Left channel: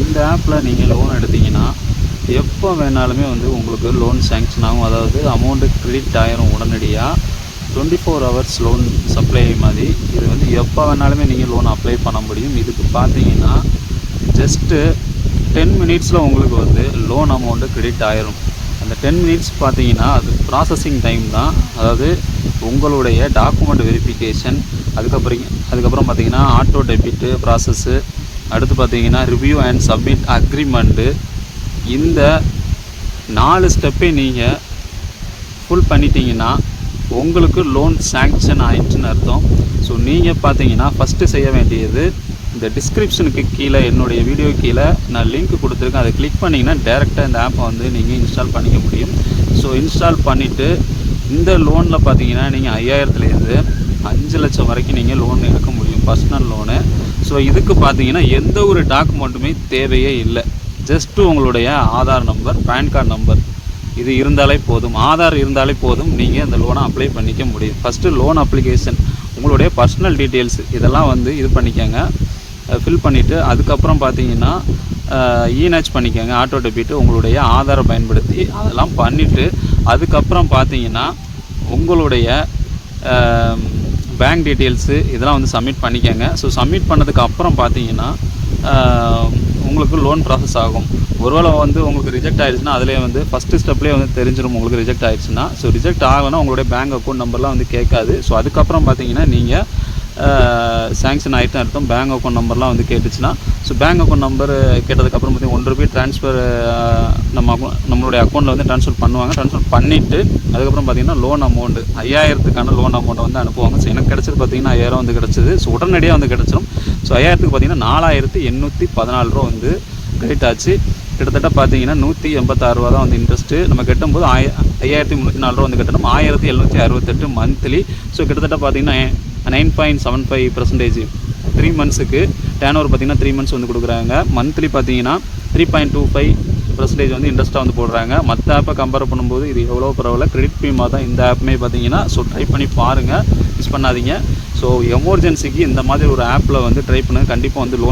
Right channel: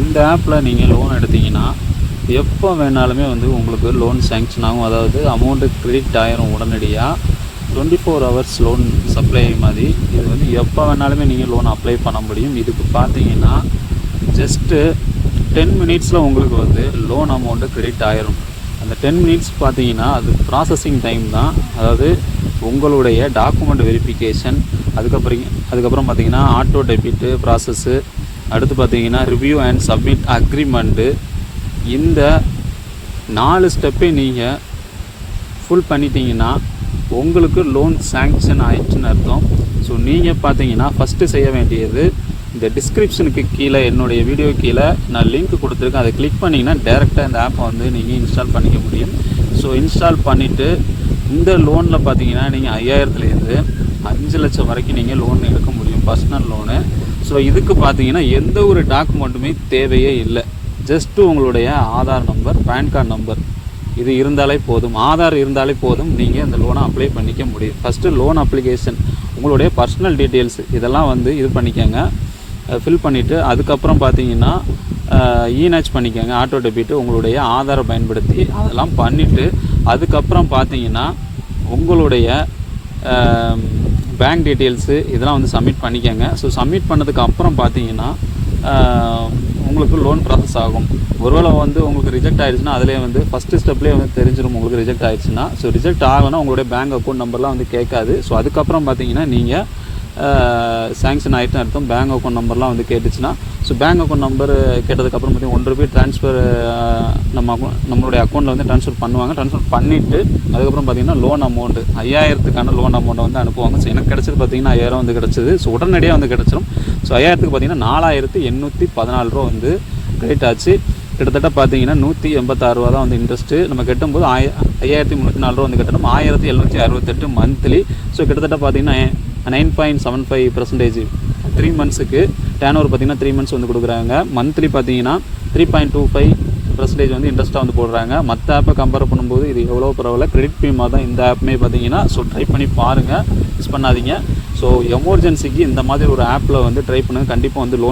இந்த ஆப்பில் நீங்கள் லோன் எடுத்தீங்கன்னா எப்போ வேணாலுமே வந்து உங்களுக்கு லோன் சேங்ஷன் ஆகும். அதாவது அமௌண்ட்டு கிரெடிட் ஆயிரும் உடனடியாக twenty four hours loan supply மாதிரி. இது வந்து எப்போ வேணாலுமே நீங்கள் லோன் அப்ளை பண்ண முடியும். இதுக்கு பார்த்தீங்கன்னா ஜஸ்ட்டு டென் மினிட்ஸில் உங்களுக்கு வந்து லோன் அமௌண்ட்டு கிரெடிட் ஆயிரும். அந்த டென் மினிட்ஸ் பார்த்தீங்கன்னா அது ப்ராசஸிங் டைம் தான். அதாவது உங்களுடைய டாக்குமெண்ட் வெரிஃபிகேஷன் அதுக்கப்புறம் அதுக்கப்புறம் பார்த்தீங்கன்னா ஆட்டோ டெபிட்டு ப்ராசஸ்ஸு அடுத்து பார்த்தீங்கன்னா ரிவ்யூ அண்ட் சப்மிட் அக்ரிமெண்ட்டு இந்த நாலு ஸ்டெப்பை நீங்கள் ஃபுல் பண்ணிட்டீங்கன்னா உங்களுக்கு லோன் சேங்ஷன் ஆயிடுச்சுன்னு அர்த்தம். ஸோ நீங்கள் பார்த்தீங்கன்னா ஃபஸ்ட்டு செய்ய வேண்டியது இந்த டிஸ்கிரிப்ஷனுக்கு கீழே என்னுடைய வீடியோ கீழே நான் லிங்க் கொடுத்துருக்கேன். அதை கிளிக் பண்ணிங்கன்னா டேரெக்டாக இந்த ஆப்பை வந்து நீங்கள் இன்ஸ்டால் பண்ணிக்க முடியும். ஸோ இன்ஸ்டால் பண்ணிவிட்டு இந்த லோனில் பார்த்தீங்கன்னா நீங்கள் ஐயாயிரத்துலேருந்து அஞ்சு லட்சம் வரைக்கும் நீங்கள் லோன் எடுக்க முடியும். பர்சனல் லோனு ஸோ இதுக்கு பார்த்தீங்கன்னா எந்த ஒரு டாக்குமெண்ட்டுமே தேவையே இல்லை. ஜஸ்ட்டு உங்களுடைய Aadhaar number PAN card number இது இருந்தாலே போதும். ஆதார் இருந்தாலே போதும். நீங்கள் அந்த லோனை அப்ளை பண்ணிக்க முடியும். ஃபஸ்ட்டு லோன் அப்ளிகேஷன் உங்களுடைய பர்சனல் டீட்டெயில்ஸ் இதெல்லாம் வந்து இது பண்ணிக்கோங்க. ஃபில் பண்ணிவிட்டு அதுக்கப்புறம் பார்த்தீங்கன்னா இநேச் பண்ணிக்கோங்க. ஆட்டோ டெபிட் உங்களுடைய ஆதாரை பயன்படுத்தி அதெல்லாம் பண்ணிவிட்டு அதுக்கப்புறம் பார்த்தீங்கன்னா உங்களுடைய பேங்க் டீட்டெயில்ஸு இதெல்லாம் வந்து சப்மிட் பண்ணிக்கோங்க. ஸோ சப்மிட் பண்ணதுக்கு அப்புறம் பார்த்தீங்கன்னா உங்களுக்கு லோன் ப்ராசஸ் ஆகும். ஒருவேளை வந்து உங்களுக்கு ரிஜெக்ட் ஆயிடுச்சுன்னா அதிலே வந்து ஃபஸ்ட்டு ஸ்டெப்லேயே வந்து தெரிஞ்சிடும் உங்களுக்கு ரிஜெக்ட் ஆயிடுச்சுன்னா. ஸோ ரிஜெக்ட் ஆகலைன்னா உங்களுடைய பேங்க் அக்கௌண்ட் நம்பர்லாம் வந்து கேட்காது. ஸோ அதுக்கப்புறம் பார்த்தீங்கன்னா நீங்கள் சேங்ஷன் ஆகிட்டு அர்த்தம் பேங்க் அக்கௌண்ட் நம்பர்லாம் வந்து கேட்டுச்சுன்னா ஸோ பேங்க் அக்கௌண்ட் நம்பர் கேட்டதுக்கப்புறம் பார்த்தீங்கன்னா ஒன் ரூபாய் ட்ரான்ஸ்ஃபர் நம்ம account- நம்மளுடைய அக்கௌண்ட்டில் வந்து ட்ரான்ஸ்ஃபர் பண்ணுவாங்க. ட்ரான்ஸ்ஃபர் பண்ணிவிட்டு அதுக்கப்புறம் பார்த்தீங்கன்னா லோன் அமௌண்ட்டு ஐயாயிரத்துக்கான லோன் அமௌண்ட்டை வந்து அனுப்புவாங்க. ஸோ எனக்கு கிடச்சது பார்த்தீங்கன்னா ஐயாயிரம் வந்து கிடச்சிது. ஸோ உடனடியாக வந்து கிடச்சிடும் ஸோ ஐயாயிரத்துக்கு பார்த்தீங்கன்னா நாலாயிரத்து எண்ணூற்றி பதினாலு ரூபா வந்து கிரெடிட் ஆச்சு. கிட்டத்தட்ட பார்த்தீங்கன்னா நூற்றி எண்பத்தாறு ரூபா தான் வந்து இன்ட்ரெஸ்ட்டு நம்ம கட்டும்போது ஆய ஐயாயிரத்தி முந்நூற்றி நாலு ரூபா வந்து கட்டணும். ஆயிரத்தி எழுநூற்றி அறுபத்தெட்டு மந்த்லி ஸோ கிட்டத்தட்ட பார்த்தீங்கன்னா nine point seven five percentage three மந்த்ஸுக்கு tan over பார்த்தீங்கன்னா த்ரீ மந்த்ஸ் வந்து கொடுக்குறாங்க. மந்த்லி பார்த்தீங்கன்னா three point two five percentage வந்து இன்ட்ரெஸ்ட்டாக வந்து போடுறாங்க. மற்ற ஆப்பை கம்பேர் பண்ணும்போது இது எவ்வளோ பரவாயில்ல. கிரெடிட் பீமாக தான் இந்த ஆப்புமே பார்த்தீங்கன்னா ஸோ ட்ரை பண்ணி பாருங்கள் மிஸ் பண்ணாதீங்க. ஸோ எமர்ஜென்சிக்கு இந்த மாதிரி ஒரு ஆப்பில் வந்து ட்ரை பண்ணுங்கள் கண்டிப்பாக வந்து லோன்